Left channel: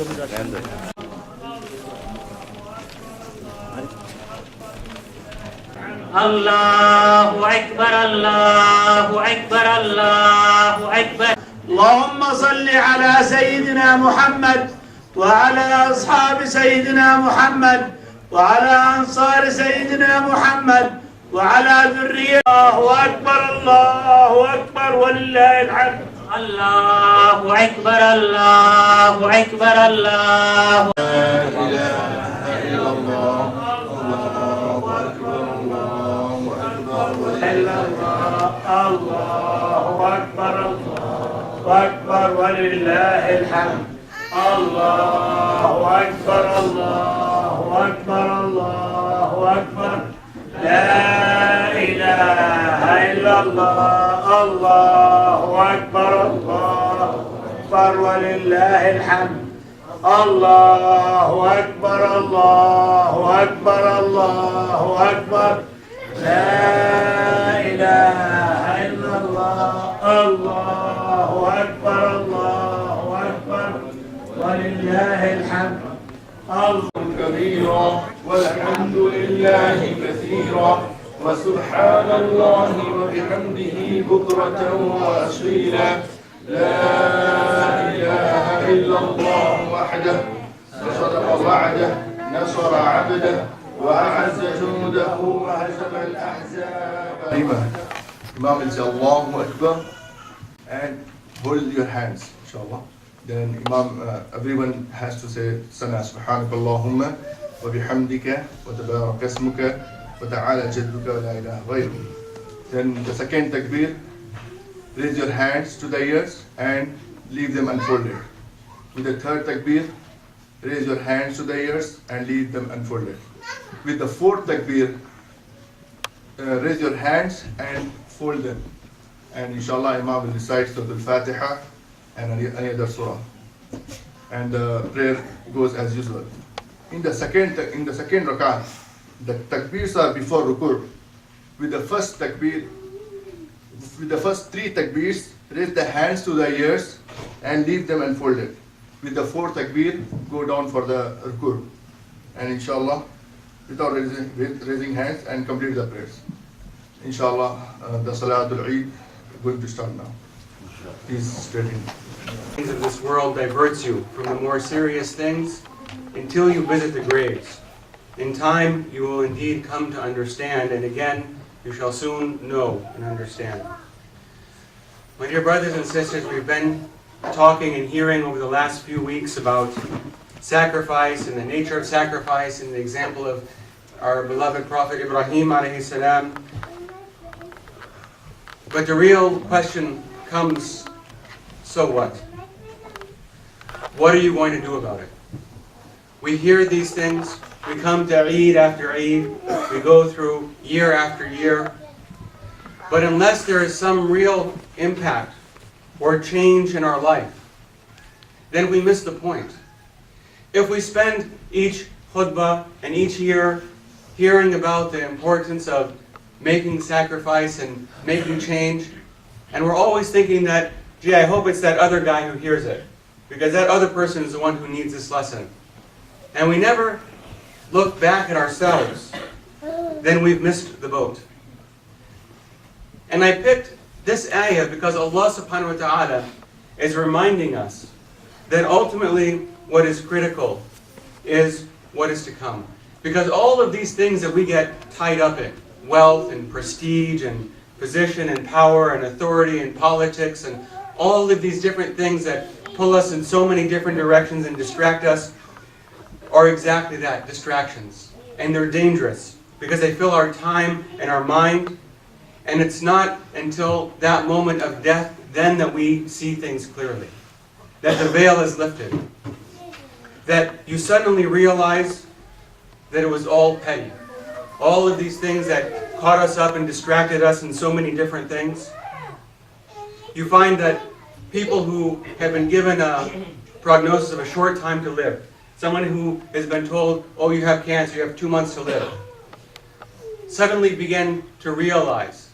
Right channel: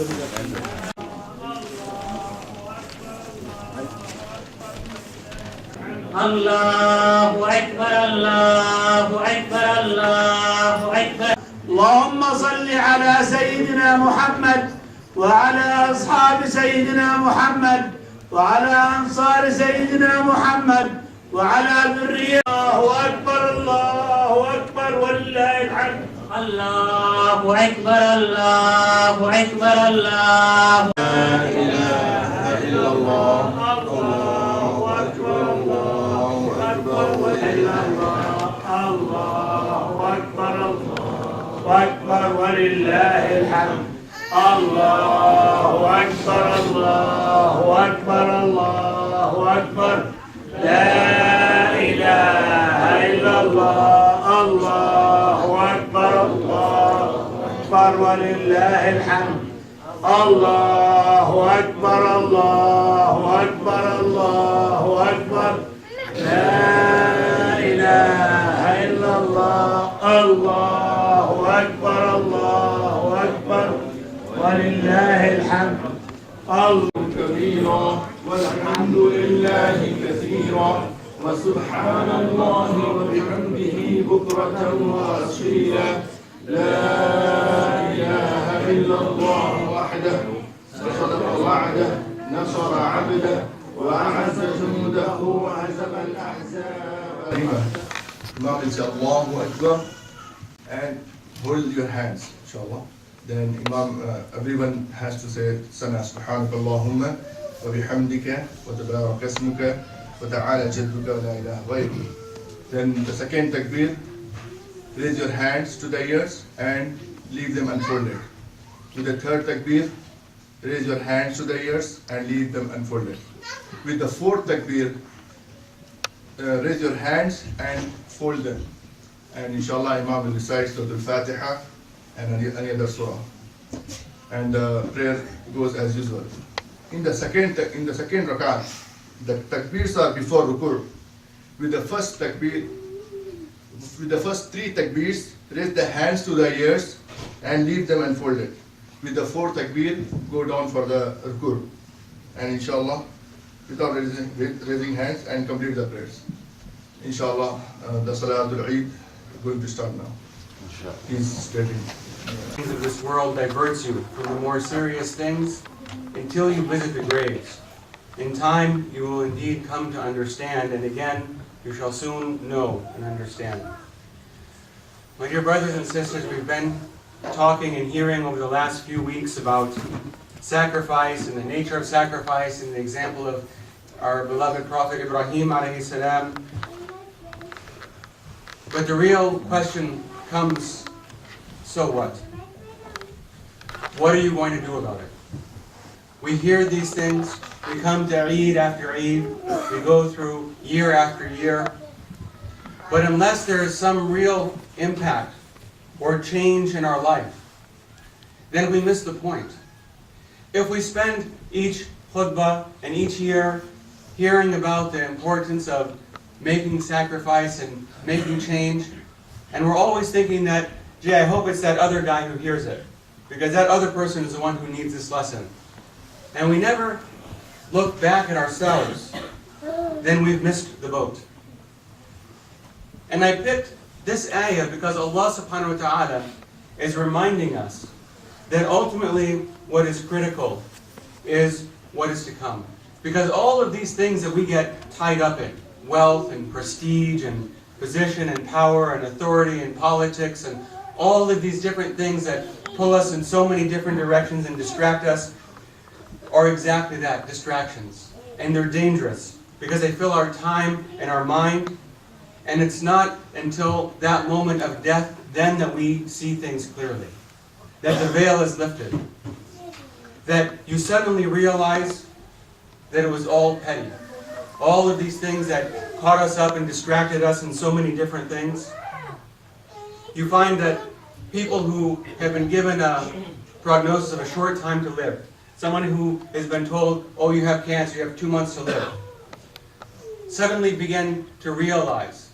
الله أكبر الله أكبر الله أكبر. اللهم صل على سيدنا محمد وعلى أصحاب سيدنا محمد وعلى أنصار سيدنا محمد وعلى ذرية. الله أكبر الله أكبر ولله الحمد. الله أكبر الله أكبر الله. لا إله إلا الله. الله أكبر الله أكبر الله أكبر الله أكبر ولله الحمد. الله أكبر الله أكبر الله أكبر. لا إله إلا الله. الله أكبر الله أكبر ولله الحمد. الله أكبر الله أكبر الله أكبر. لا إله إلا الله. الله أكبر الله أكبر ولله الحمد. كبيرا والحمد لله كثيرا وسبحان الله وبحمده بكرة وأصيلا. لا إله إلا الله وحده صدق وعده نصر عبده وأعز جنده وهزم الأحزاب. Imam will say Allahu Akbar and hold your hands, inshallah. Then Imam, everyone has to say Sana Subhanaka Allahumma wa bihamdika wa tabarak ismuka wa ta'ala jadduka wa la ilaha ghayruka. Then the second takbir, raise your hands to the ears and leave them unfolded. With the third takbir, raise your hands to the ears and leave them unfolded. With the fourth takbir, raise your hands and fold them. And inshallah Imam will recite Surah Al-Fatiha and any other surah. And the prayer goes as usual. In the second rak'ah, the takbirs are before ruku'. With the first takbir, with the first three takbirs, raise the hands to the ears and leave them unfolded. With the fourth takbir, go down for the ruku'. And inshallah, without raising hands, and complete the prayers. Inshallah, the Salatul Eid is going to start now. Please stay tuned. Things of this world diverts you from the more serious things until you visit the graves. In time, you will indeed come to understand, and again, you shall soon know and understand. My dear brothers and sisters, we've been talking and hearing over the last few weeks about sacrifice and the nature of sacrifice and the example of our beloved Prophet Ibrahim alayhi salam. But the real question comes, so what? What are you going to do about it? We hear these things, we come to Eid after Eid, we go through year after year, but unless there is some real impact or change in our life, then we miss the point. If we spend each khutbah and each year hearing about the importance of making sacrifice and making change, and we're always thinking that, gee, I hope it's that other guy who hears it, because that other person is the one who needs this lesson. And we never look back at ourselves, then we've missed the boat. And I picked this ayah because Allah subhanahu wa ta'ala is reminding us that ultimately what is critical is what is to come. Because all of these things that we get tied up in, wealth and prestige and position and power and authority and politics and all of these different things that pull us in so many different directions and distract us, are exactly that, distractions. And they're dangerous because they fill our time and our mind, and it's not until that moment of death then that we see things clearly, that the veil is lifted, that you suddenly realize that it was all petty. All of these things that caught us up and distracted us in so many different things. You find that people who have been given a prognosis of a short time to live, someone who has been told, oh, you have cancer, you have 2 months to live, suddenly begin to realize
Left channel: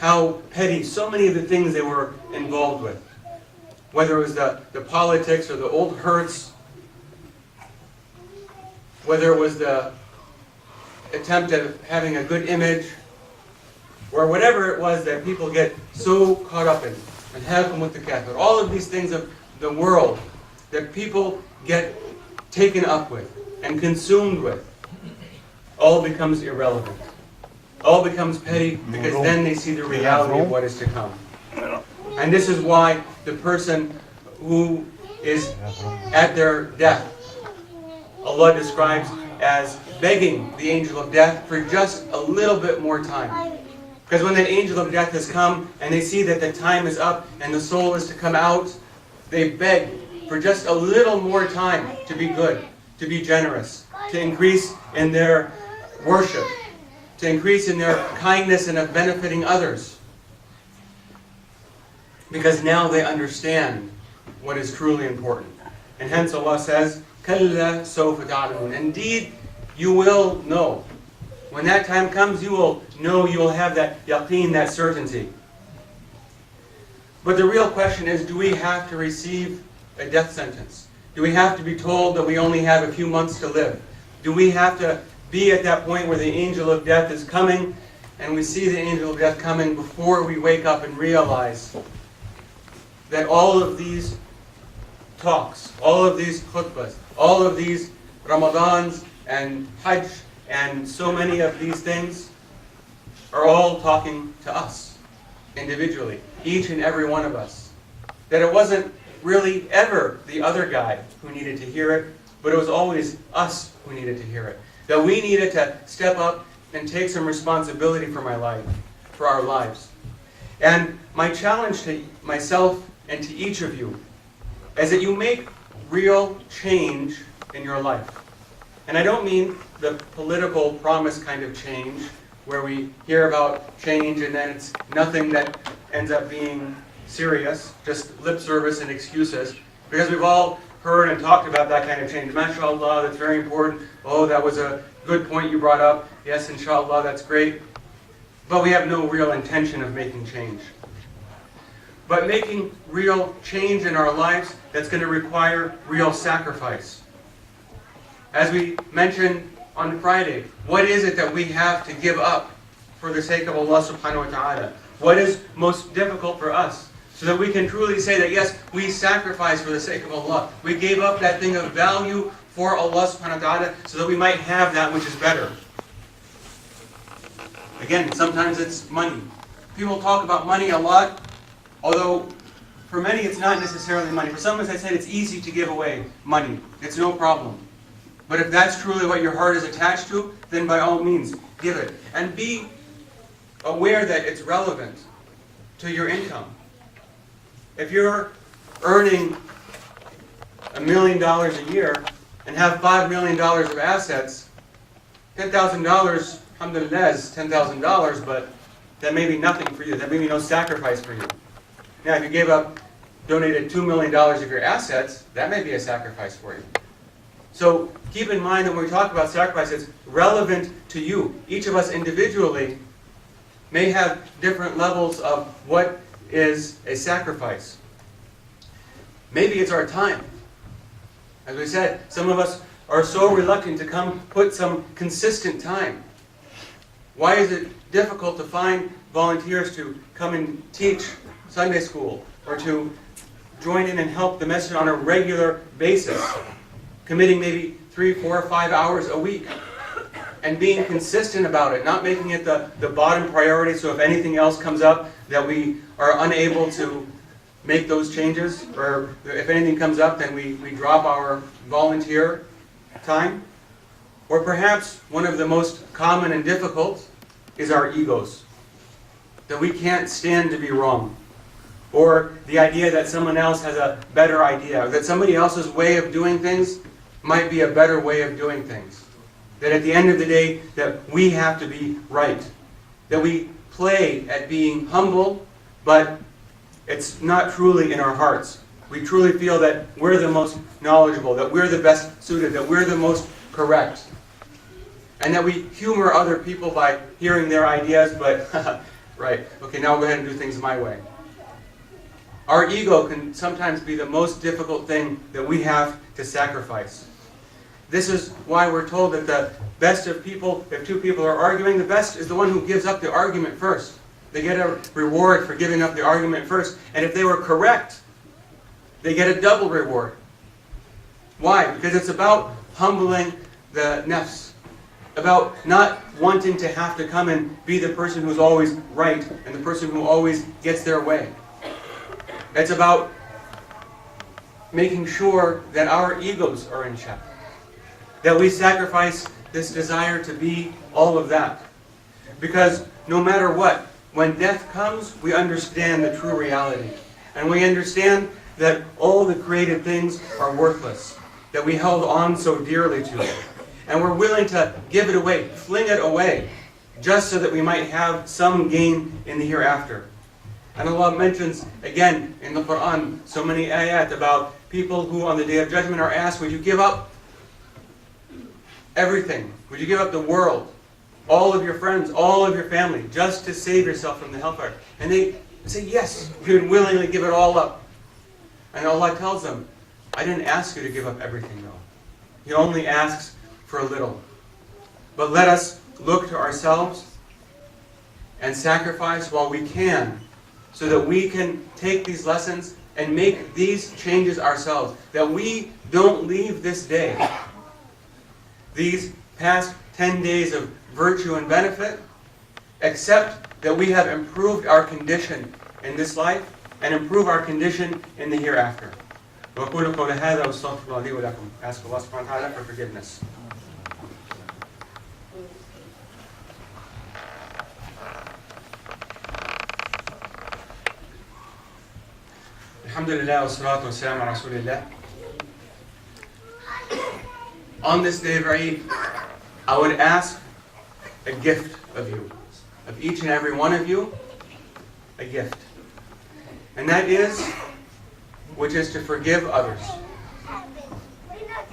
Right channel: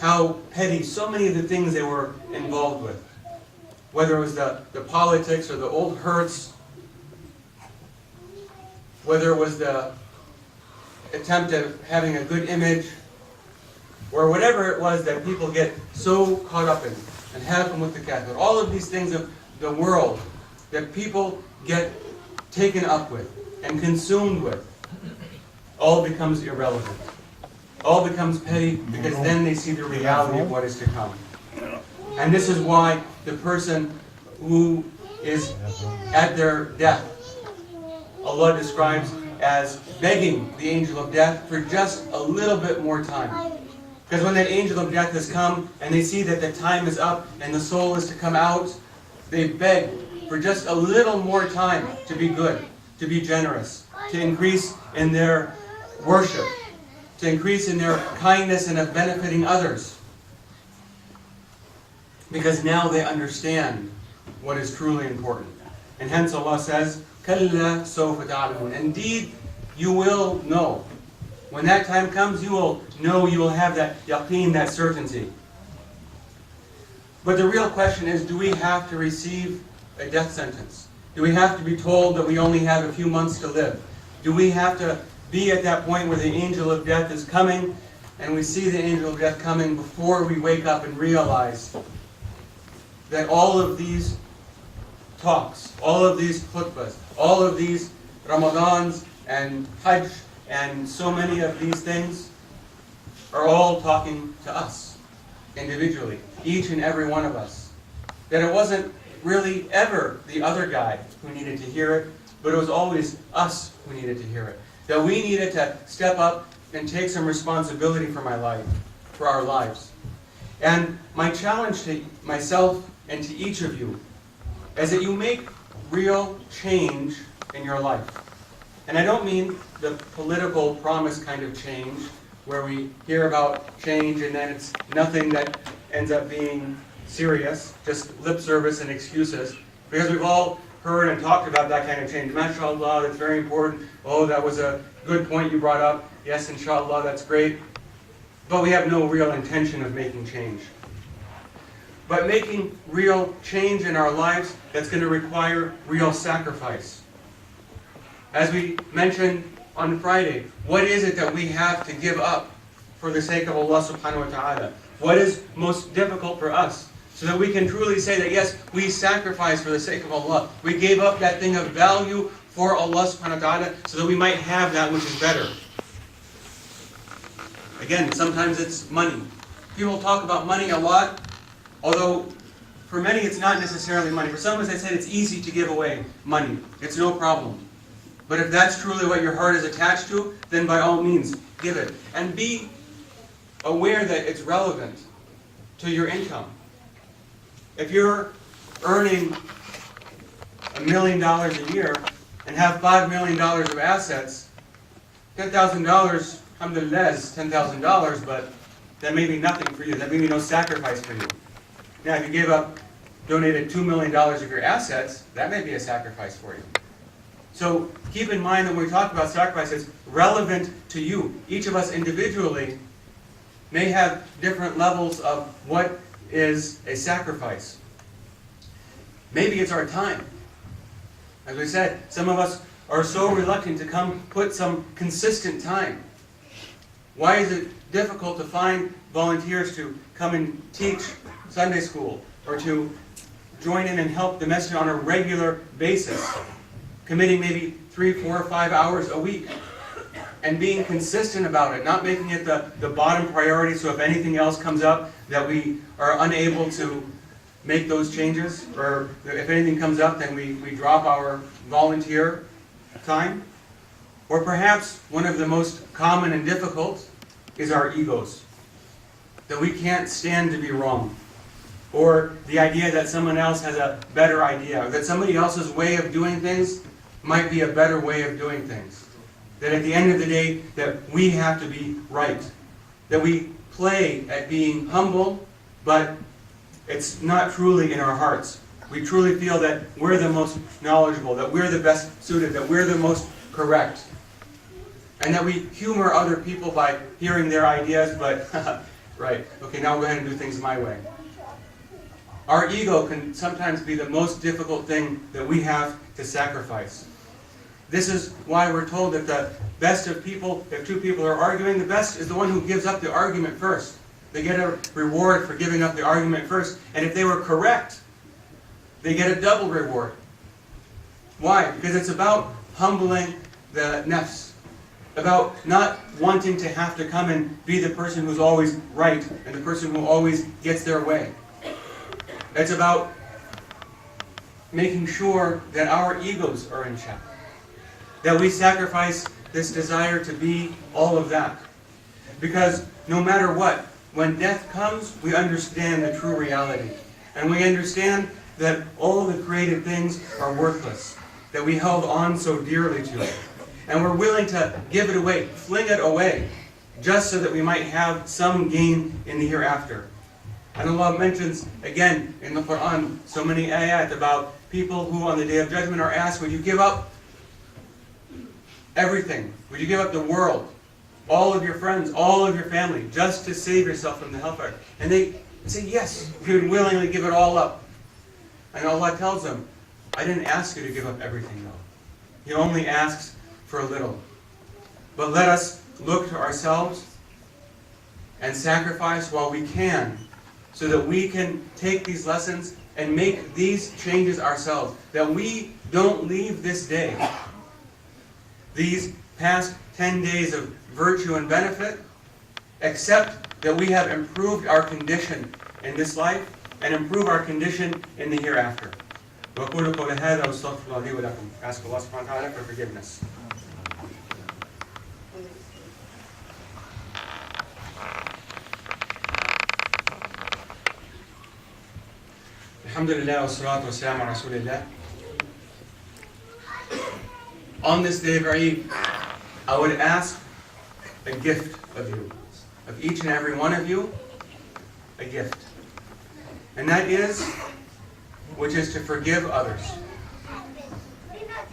how petty so many of the things they were involved with, whether it was the politics or the old hurts whether it was the attempt at having a good image, or whatever it was that people get so caught up in, and have them with the Catholic. All of these things of the world that people get taken up with and consumed with, all becomes irrelevant. All becomes petty, because then they see the reality of what is to come. And this is why the person who is at their death, Allah describes as begging the angel of death for just a little bit more time. Because when that angel of death has come and they see that the time is up and the soul is to come out, they beg for just a little more time to be good, to be generous, to increase in their worship, to increase in their kindness and of benefiting others. Because now they understand what is truly important. And hence Allah says, كَلَّا سَوْفَ تَعْلَمُونَ. Indeed, you will know. When that time comes, you will know, you will have that yaqeen, that certainty. But the real question is, do we have to receive a death sentence? Do we have to be told that we only have a few months to live? Do we have to be at that point where the angel of death is coming, and we see the angel of death coming before we wake up and realize that all of these talks, all of these khutbahs, all of these Ramadans and Hajj, and so many of these things are all talking to us individually, each and every one of us. That it wasn't really ever the other guy who needed to hear it, but it was always us who needed to hear it. That we needed to step up and take some responsibility for my life, for our lives. And my challenge to myself and to each of you is that you make real change in your life. And I don't mean the political promise kind of change, where we hear about change and then it's nothing that ends up being serious, just lip service and excuses. Because we've all heard and talked about that kind of change. MashaAllah, that's very important. Oh, that was a good point you brought up. Yes, inshallah, that's great. But we have no real intention of making change. But making real change in our lives, that's going to require real sacrifice. As we mentioned on Friday, what is it that we have to give up for the sake of Allah subhanahu wa ta'ala? What is most difficult for us? So that we can truly say that yes, we sacrificed for the sake of Allah. We gave up that thing of value for Allah subhanahu wa ta'ala so that we might have that which is better. Again, sometimes it's money. People talk about money a lot, although for many it's not necessarily money. For some, as I said, it's easy to give away money. It's no problem. But if that's truly what your heart is attached to, then by all means, give it. And be aware that it's relevant to your income. If you're earning $1 million a year and have $5 million of assets, $10,000, alhamdulillah, is $10,000, but that may be nothing for you. That may be no sacrifice for you. Now, if you donated $2 million of your assets, that may be a sacrifice for you. So keep in mind that when we talk about sacrifice, it's relevant to you. Each of us individually may have different levels of what is a sacrifice. Maybe it's our time. As we said, some of us are so reluctant to come put some consistent time. Why is it difficult to find volunteers to come and teach Sunday school or to join in and help the message on a regular basis? Committing maybe 3, 4, 5 hours a week and being consistent about it, not making it the bottom priority so if anything else comes up that we are unable to make those changes, or if anything comes up then we drop our volunteer time. Or perhaps one of the most common and difficult is our egos, that we can't stand to be wrong, or the idea that someone else has a better idea, or that somebody else's way of doing things might be a better way of doing things. That at the end of the day, that we have to be right. That we play at being humble, but it's not truly in our hearts. We truly feel that we're the most knowledgeable, that we're the best suited, that we're the most correct. And that we humor other people by hearing their ideas, but, right, okay, now I'll go ahead and do things my way. Our ego can sometimes be the most difficult thing that we have to sacrifice. This is why we're told that the best of people, if two people are arguing, the best is the one who gives up the argument first. They get a reward for giving up the argument first. And if they were correct, they get a double reward. Why? Because it's about humbling the nafs, about not wanting to have to come and be the person who's always right and the person who always gets their way. It's about making sure that our egos are in check, that we sacrifice this desire to be all of that. Because no matter what, when death comes, we understand the true reality. And we understand that all the created things are worthless, that we held on so dearly to it. And we're willing to give it away, fling it away, just so that we might have some gain in the hereafter. And Allah mentions, again, in the Quran, so many ayat about people who on the Day of Judgment are asked, would you give up everything? Would you give up the world? All of your friends, all of your family, just to save yourself from the hellfire? And they say, yes, we would willingly give it all up. And Allah tells them, I didn't ask you to give up everything though. He only asks for a little. But let us look to ourselves and sacrifice while we can, so that we can take these lessons and make these changes ourselves. That we don't leave this day, these past 10 days of virtue and benefit, except that we have improved our condition in this life and improve our condition in the hereafter. وَأَقُولُ قَوْلَ هَذَا وَأَسْتَغْفِرُ اللَّهَ لِي وَلَكُمْ. Ask Allah subhanahu wa ta'ala for forgiveness. Alhamdulillah wa salatu wa salam ala Rasulillah. On this day of Eid, I would ask a gift of you, of each and every one of you, a gift. And that is, which is to forgive others.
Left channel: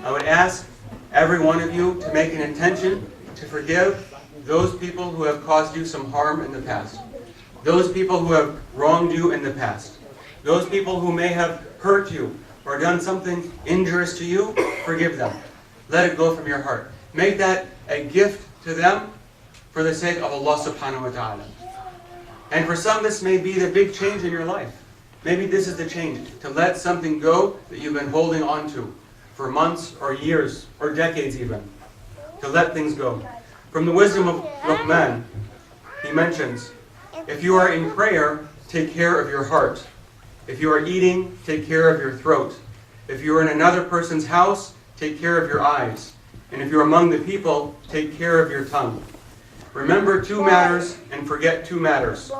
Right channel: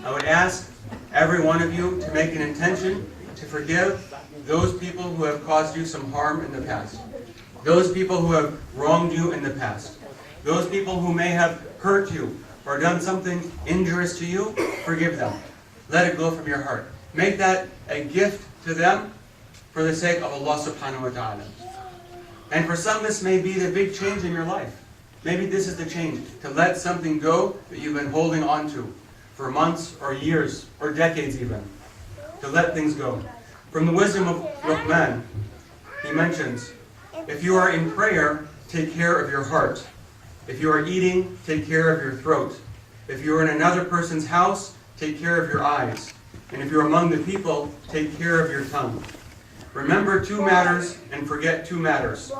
I would ask every one of you to make an intention to forgive those people who have caused you some harm in the past. Those people who have wronged you in the past. Those people who may have hurt you or done something injurious to you, forgive them. Let it go from your heart. Make that a gift to them for the sake of Allah subhanahu wa ta'ala. And for some, this may be the big change in your life. Maybe this is the change, to let something go that you've been holding on to for months or years or decades even. To let things go. From the wisdom of Luqman, he mentions, if you are in prayer, take care of your heart. If you are eating, take care of your throat. If you are in another person's house, take care of your eyes. And if you are among the people, take care of your tongue. Remember 2 matters and forget 2 matters.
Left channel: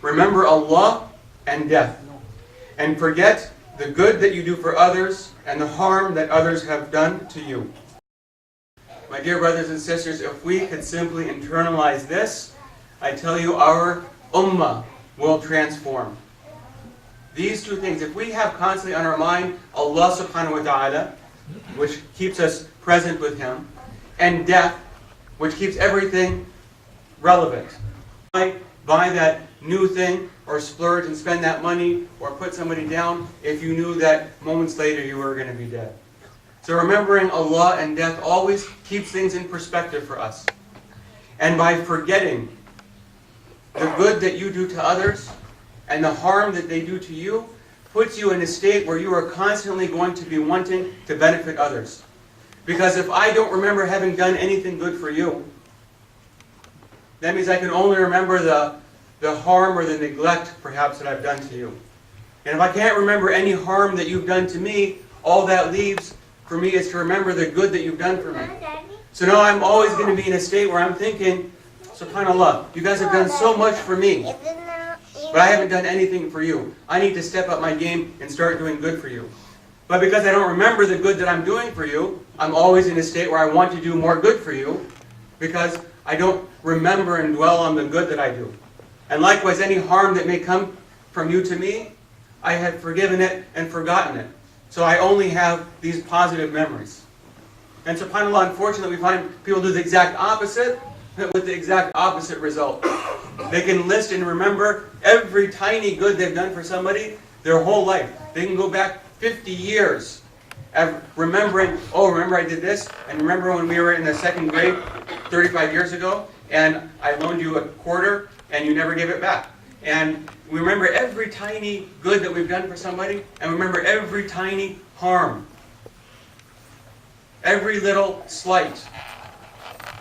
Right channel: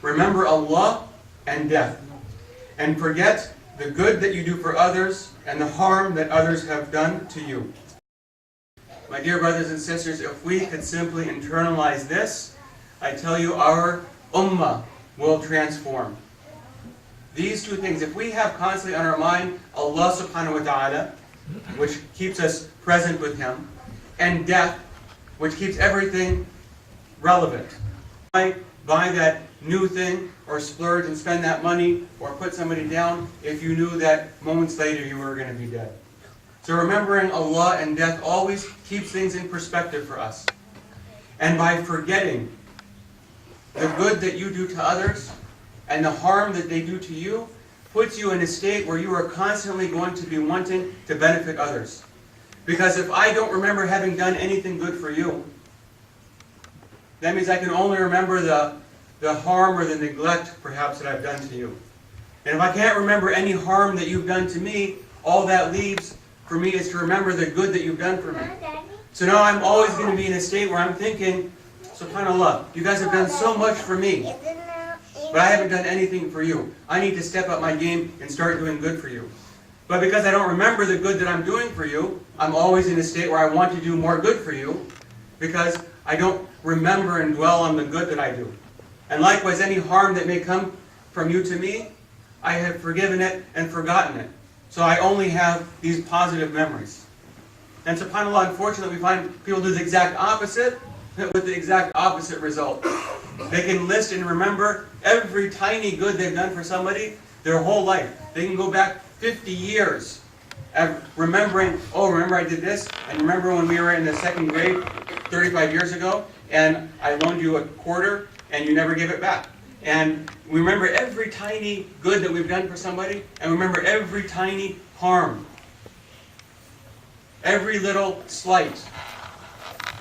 Remember Allah and death. And forget the good that you do for others and the harm that others have done to you. My dear brothers and sisters, if we could simply internalize this, I tell you our ummah will transform. These 2 things, if we have constantly on our mind Allah subhanahu wa ta'ala, which keeps us present with Him, and death, which keeps everything relevant. Buy that new thing, or splurge and spend that money, or put somebody down if you knew that moments later you were going to be dead. So remembering Allah and death always keeps things in perspective for us. And by forgetting the good that you do to others, and the harm that they do to you, puts you in a state where you are constantly going to be wanting to benefit others. Because if I don't remember having done anything good for you, that means I can only remember the harm or the neglect, perhaps, that I've done to you. And if I can't remember any harm that you've done to me, all that leaves for me is to remember the good that you've done for me. So now I'm always going to be in a state where I'm thinking, SubhanAllah, you guys have done so much for me, but I haven't done anything for you. I need to step up my game and start doing good for you. But because I don't remember the good that I'm doing for you, I'm always in a state where I want to do more good for you, because I don't remember and dwell on the good that I do. And likewise, any harm that may come from you to me, I have forgiven it and forgotten it. So I only have these positive memories. And subhanAllah, unfortunately, we find people do the exact opposite, with the exact opposite result. They can list and remember every tiny good they've done for somebody their whole life. They can go back 50 years remembering, oh, remember I did this? And remember when we were in the second grade 35 years ago, and I loaned you a quarter, and you never gave it back. And we remember every tiny good that we've done for somebody, and we remember every tiny harm. Every little slight.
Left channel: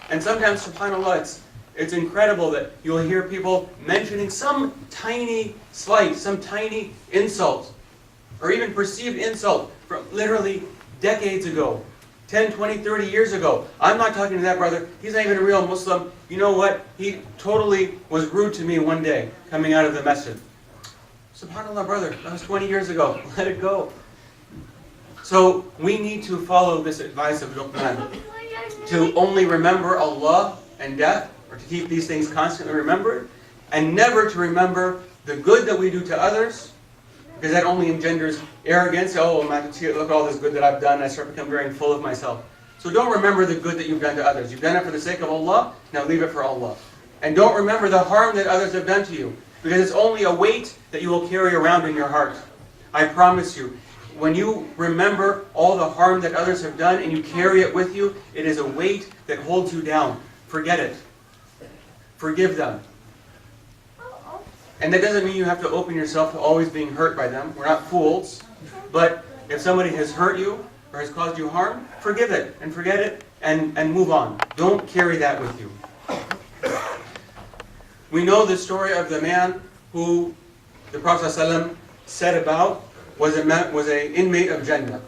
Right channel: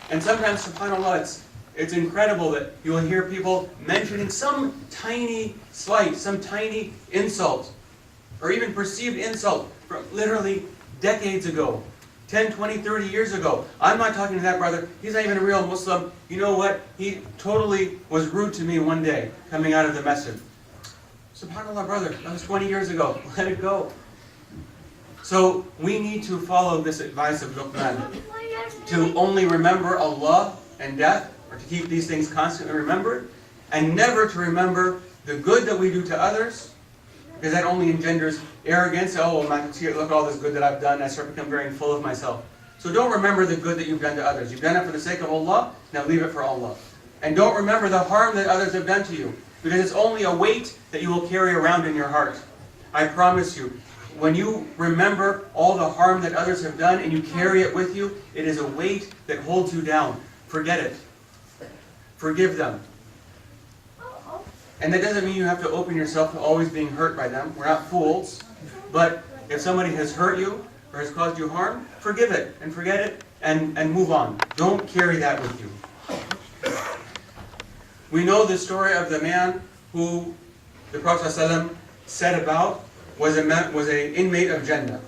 And sometimes, subhanAllah, it's incredible that you'll hear people mentioning some tiny slight, some tiny insult, or even perceived insult from literally decades ago, 10, 20, 30 years ago. I'm not talking to that brother. He's not even a real Muslim. You know what? He totally was rude to me one day coming out of the masjid. SubhanAllah, brother, that was 20 years ago. Let it go. So we need to follow this advice of Luqman, to only remember Allah and death, or to keep these things constantly remembered, and never to remember the good that we do to others, because that only engenders arrogance. Oh, look at all this good that I've done. I start to become very full of myself. So don't remember the good that you've done to others. You've done it for the sake of Allah, now leave it for Allah. And don't remember the harm that others have done to you, because it's only a weight that you will carry around in your heart. I promise you, when you remember all the harm that others have done and you carry it with you, it is a weight that holds you down. Forget it. Forgive them. And that doesn't mean you have to open yourself to always being hurt by them. We're not fools. But if somebody has hurt you or has caused you harm, forgive it and forget it and move on. Don't carry that with you. We know the story of the man who the Prophet ﷺ said about was an inmate of Jannah.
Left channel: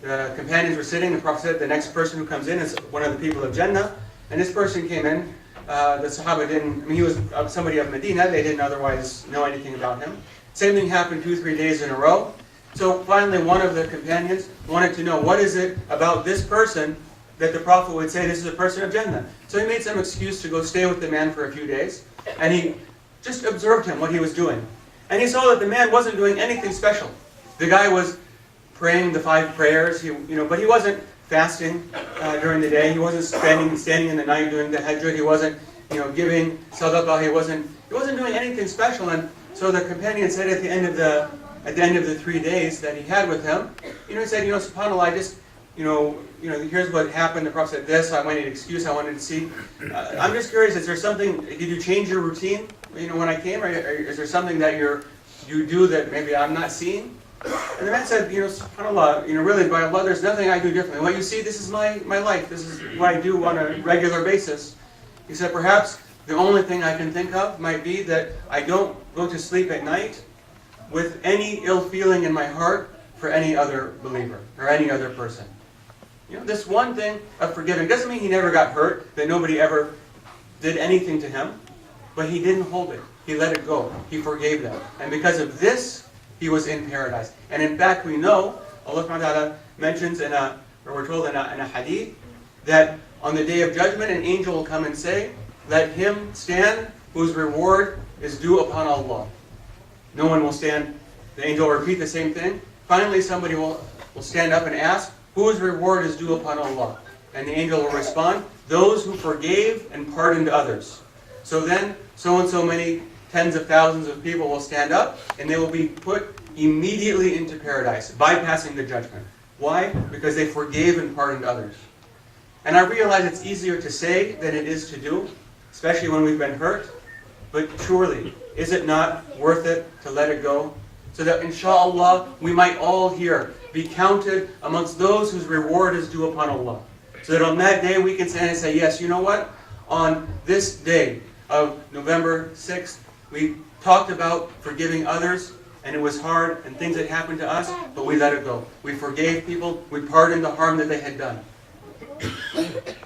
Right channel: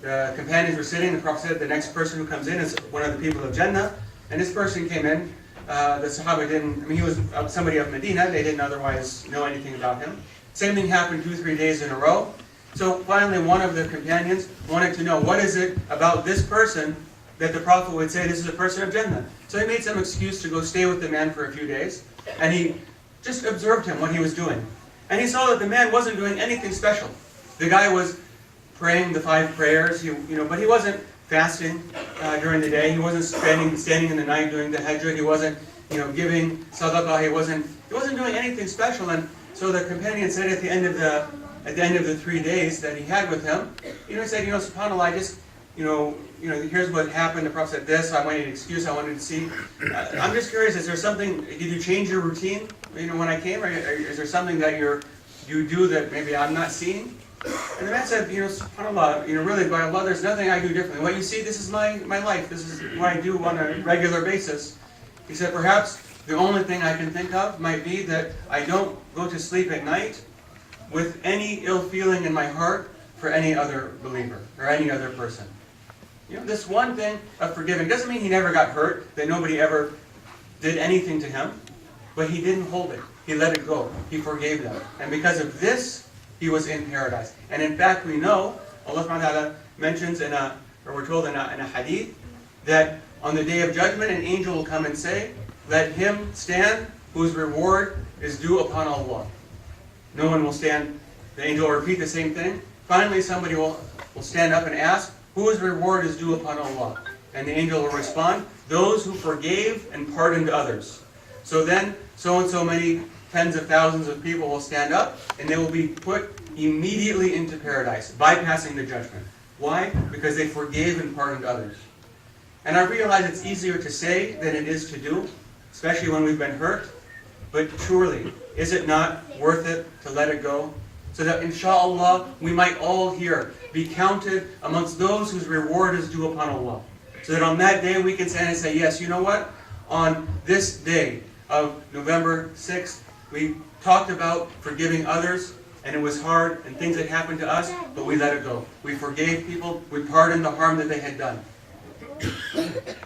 The companions were sitting, the Prophet said the next person who comes in is one of the people of Jannah. And this person came in. The Sahaba didn't, he was somebody of Medina, they didn't otherwise know anything about him. Same thing happened 2-3 days in a row. So finally one of the companions wanted to know, what is it about this person that the Prophet would say this is a person of Jannah? So he made some excuse to go stay with the man for a few days, and he just observed him, what he was doing. And he saw that the man wasn't doing anything special. The guy was praying the 5 prayers, but he wasn't fasting during the day. He wasn't standing in the night doing the hajj. He wasn't, giving sadaqah. He wasn't doing anything special. And so the companion said at the end of the 3 days that he had with him, he said, SubhanAllah, I just, here's what happened. The Prophet said this. I wanted an excuse. I wanted to see. I'm just curious. Is there something? Did you change your routine? When I came, or is there something that you do that maybe I'm not seeing? And the man said, SubhanAllah, really by Allah, there's nothing I do differently. What you see, this is my life. This is what I do on a regular basis. He said, perhaps the only thing I can think of might be that I don't go to sleep at night with any ill feeling in my heart for any other believer or any other person. This one thing of forgiving doesn't mean he never got hurt, that nobody ever did anything to him, but he didn't hold it. He let it go. He forgave them. And because of this, he was in paradise. And in fact, we know, Allah subhanahu wa ta'ala mentions we're told in a hadith, that on the day of judgment, an angel will come and say, let him stand whose reward is due upon Allah. No one will stand. The angel will repeat the same thing. Finally, somebody will stand up and ask, whose reward is due upon Allah? And the angel will respond, those who forgave and pardoned others. So then, so and so many tens of thousands of people will stand up, and they will be put immediately into paradise, bypassing the judgment. Why? Because they forgave and pardoned others. And I realize it's easier to say than it is to do, especially when we've been hurt. But surely, is it not worth it to let it go? So that inshallah, we might all here be counted amongst those whose reward is due upon Allah. So that on that day we can stand and say, yes, you know what? On this day of November 6th, we talked about forgiving others, and it was hard, and things had happened to us, but we let it go. We forgave people, we pardoned the harm that they had done.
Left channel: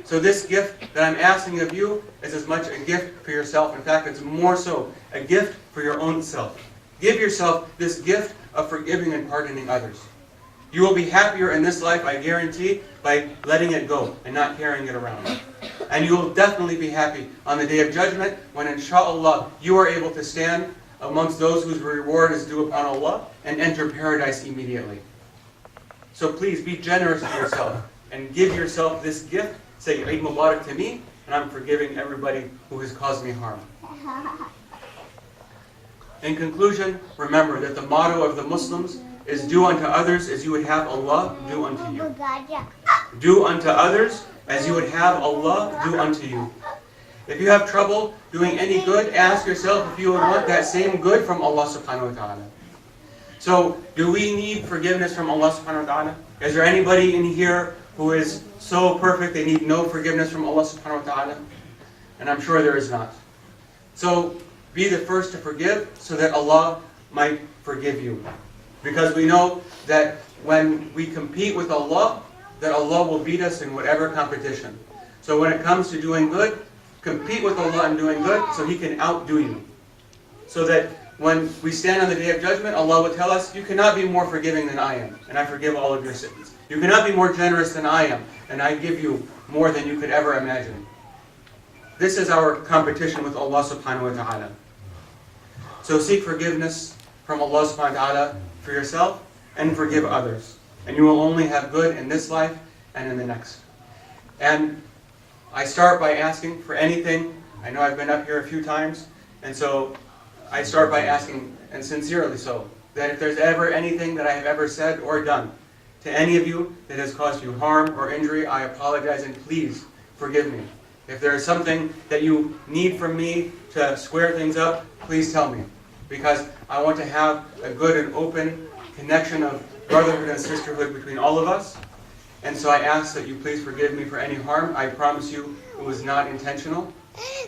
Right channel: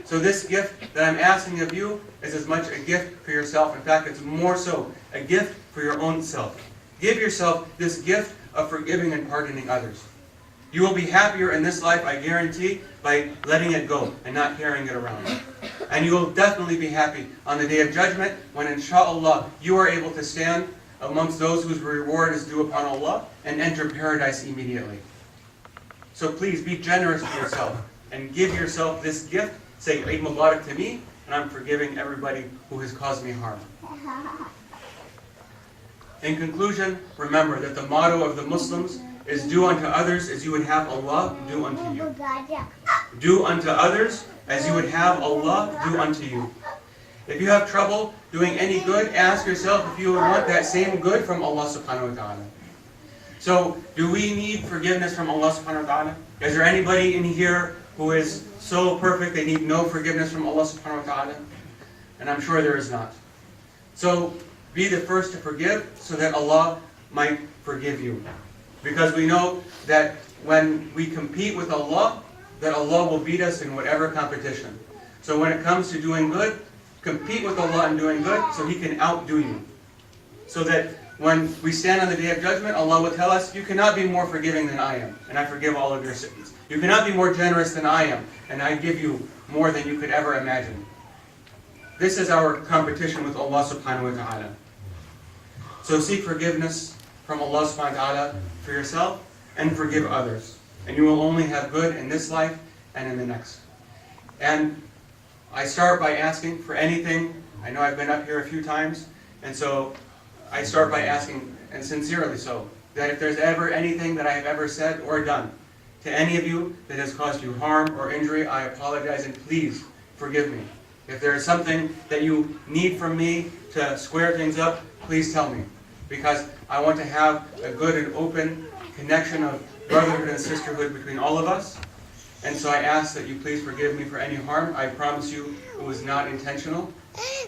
So this gift that I'm asking of you is as much a gift for yourself. In fact, it's more so a gift for your own self. Give yourself this gift of forgiving and pardoning others. You will be happier in this life, I guarantee, by letting it go and not carrying it around. And you will definitely be happy on the Day of Judgment when, inshallah, you are able to stand amongst those whose reward is due upon Allah and enter paradise immediately. So please be generous with yourself and give yourself this gift. Say, Eid Mubarak to me, and I'm forgiving everybody who has caused me harm. In conclusion, remember that the motto of the Muslims is do unto others as you would have Allah do unto you. Do unto others as you would have Allah do unto you. If you have trouble doing any good, ask yourself if you would want that same good from Allah subhanahu wa ta'ala. So, do we need forgiveness from Allah subhanahu wa ta'ala? Is there anybody in here who is so perfect they need no forgiveness from Allah subhanahu wa ta'ala? And I'm sure there is not. So, be the first to forgive so that Allah might forgive you. Because we know that when we compete with Allah, that Allah will beat us in whatever competition. So when it comes to doing good, compete with Allah in doing good so He can outdo you. So that when we stand on the Day of Judgment, Allah will tell us, you cannot be more forgiving than I am, and I forgive all of your sins. You cannot be more generous than I am, and I give you more than you could ever imagine. This is our competition with Allah subhanahu wa ta'ala. So seek forgiveness from Allah subhanahu wa ta'ala for yourself and forgive others. And you will only have good in this life and in the next. And I start by asking for anything. I know I've been up here a few times, and so I start by asking, and sincerely so, that if there's ever anything that I have ever said or done to any of you that has caused you harm or injury, I apologize and please forgive me. If there is something that you need from me to square things up, please tell me. Because I want to have a good and open connection of brotherhood and sisterhood between all of us. And so I ask that you please forgive me for any harm. I promise you it was not intentional.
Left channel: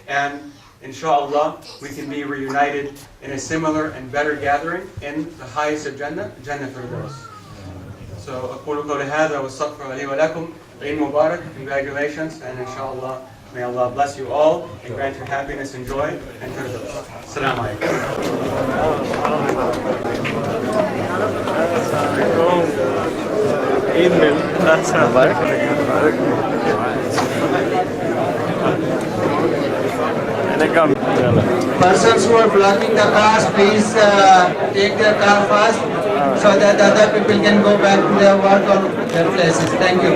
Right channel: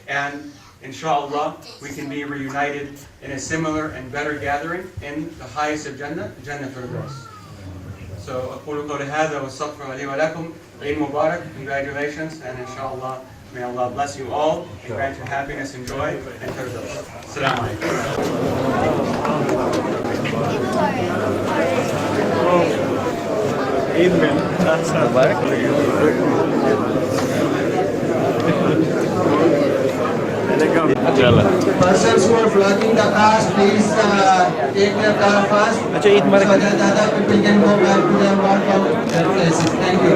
And inshallah, we can be reunited in a similar and better gathering in the highest of Jannah, Jannah Firdaus. So, أقول قولي هذا واستغفر لي ولكم. Eid Mubarak, congratulations, and inshallah, may Allah bless you all and grant you happiness and joy and Firdaus. Assalamu Persons who are blocking the cars, please take their car first so that the other people can go back to their work or their places. Thank you.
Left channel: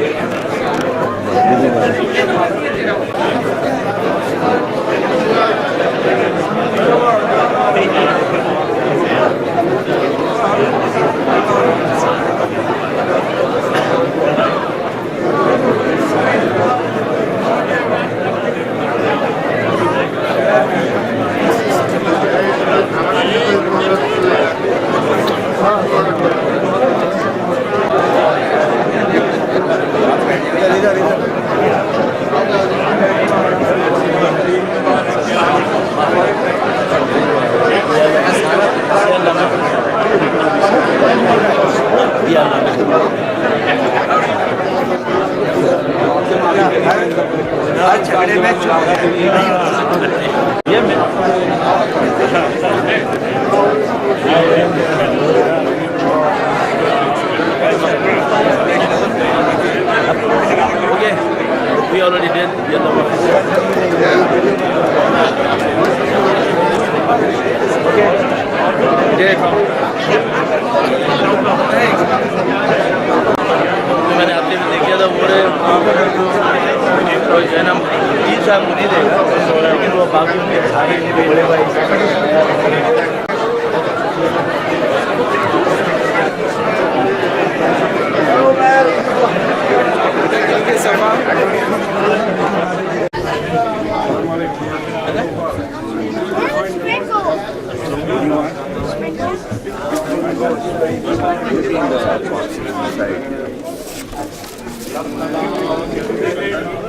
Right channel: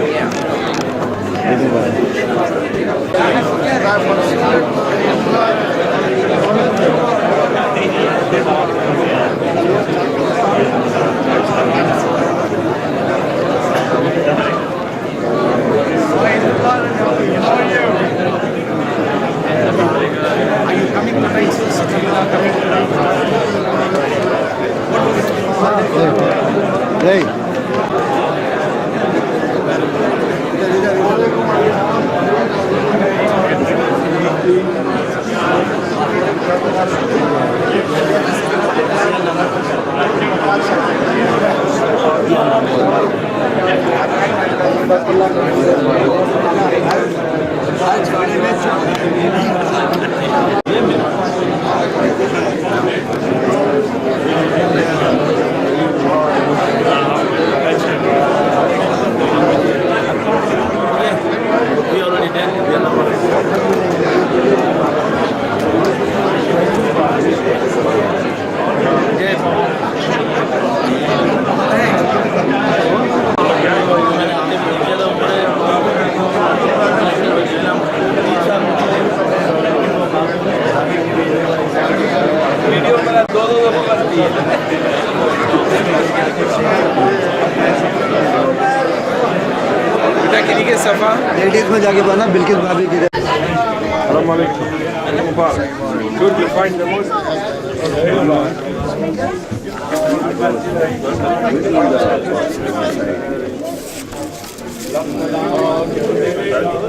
Could you find the most?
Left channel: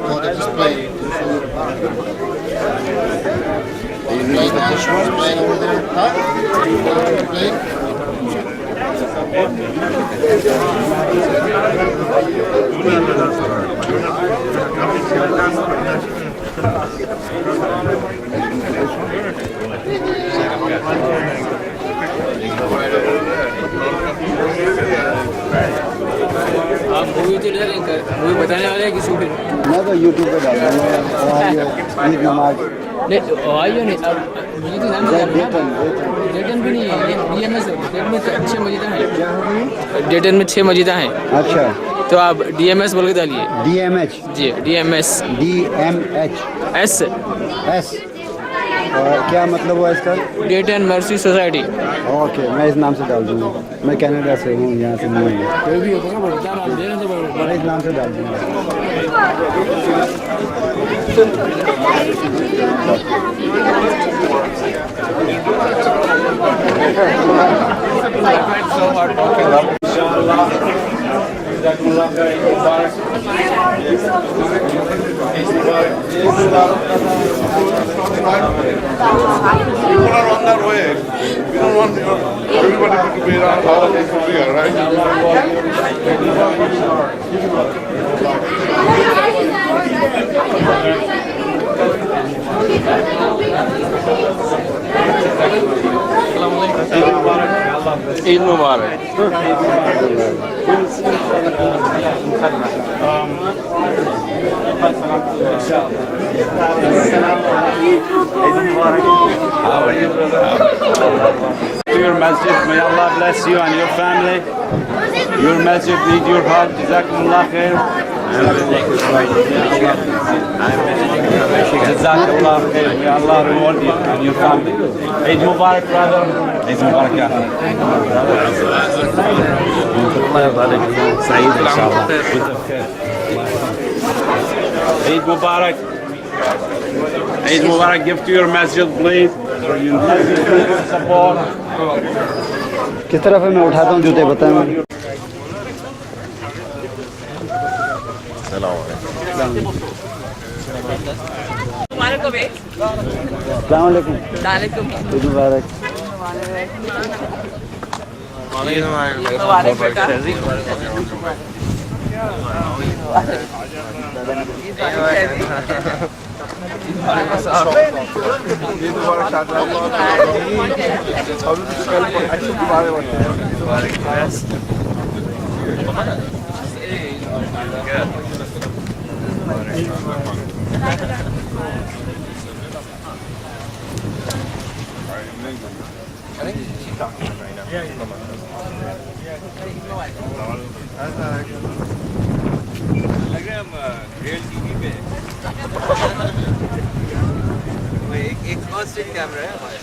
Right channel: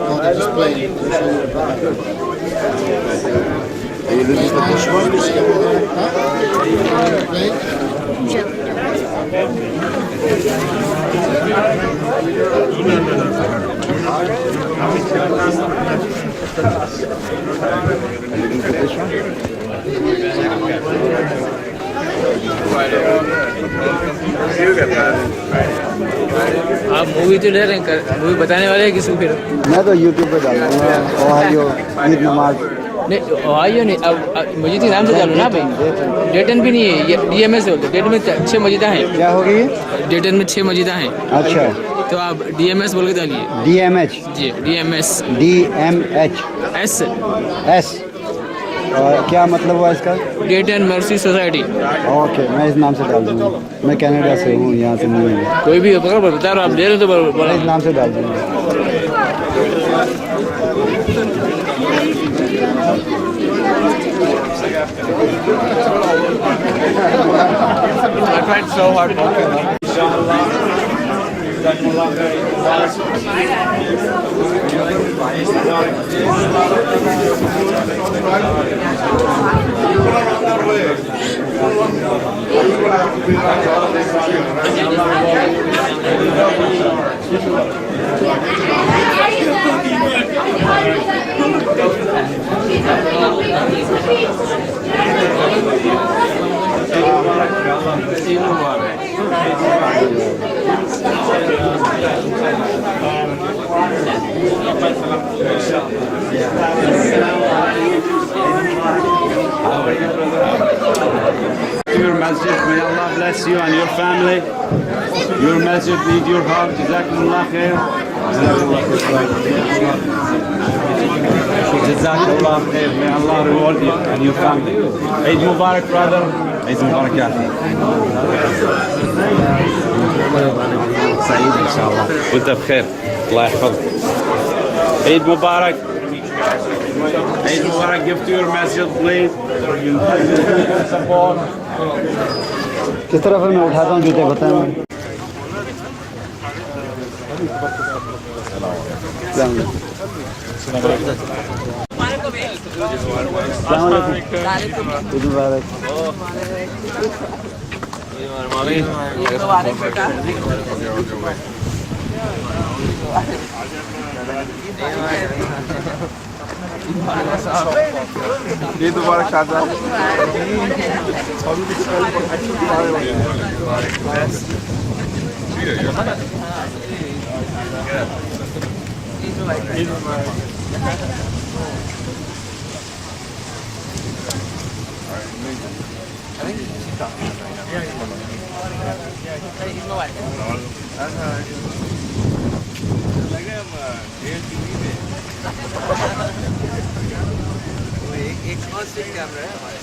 Oh, they're just playing. Are you looking for this one? Playing over there? Huh? Playing? आप movie तो ले रहे हैं movie बताने वाले हैं किसी फिर मैं तो यूट्यूब पे डाल दूंगा ओहायो ईद नमाज नहीं ओहायो नहीं अब मस्जिद के नाम से डालो ना भाई डेटन भी नहीं है ये डीएमएस है डेटन में 6 मस्जिदें हैं क्या होगी डेटन में 6 मस्जिदें हैं अच्छा तो आप डीएमएस बोल के डालिए डीएमएच जी डीएमएस डीएमएच एस एस और क्या मतलब हुआ इसका? डेटन मर्सी सोसाइटी। ओके, मैं इस नाम से डाल दूँगा। मैं कनाडा से हूँ, यहाँ से नहीं हूँ। कोई भी बता रहा आप दे रहे तो मैं इस नाम से डाल दूँगा। I find so hard walking up. People are on their way. We don't want everybody to be around all this fear, right? Eid Mubarak. To your masjid, may Allah bless you and your family. Your masjid need your help. Jazakumullah khair. Jazakallah khair. May Allah reward you and your family. Eid Mubarak, brother. Eid Mubarak, ya akhi. سعيد إن شاء الله وأنت بخير الله يحفظك. Eid Mubarak. Eid Mubarak. Give to your masjid, please. Support. किस तरह फिर मैं उठाता हूँ जूते बताएं मुझे। Eid Mubarak, Shahzad. एक कैमरा है हमारे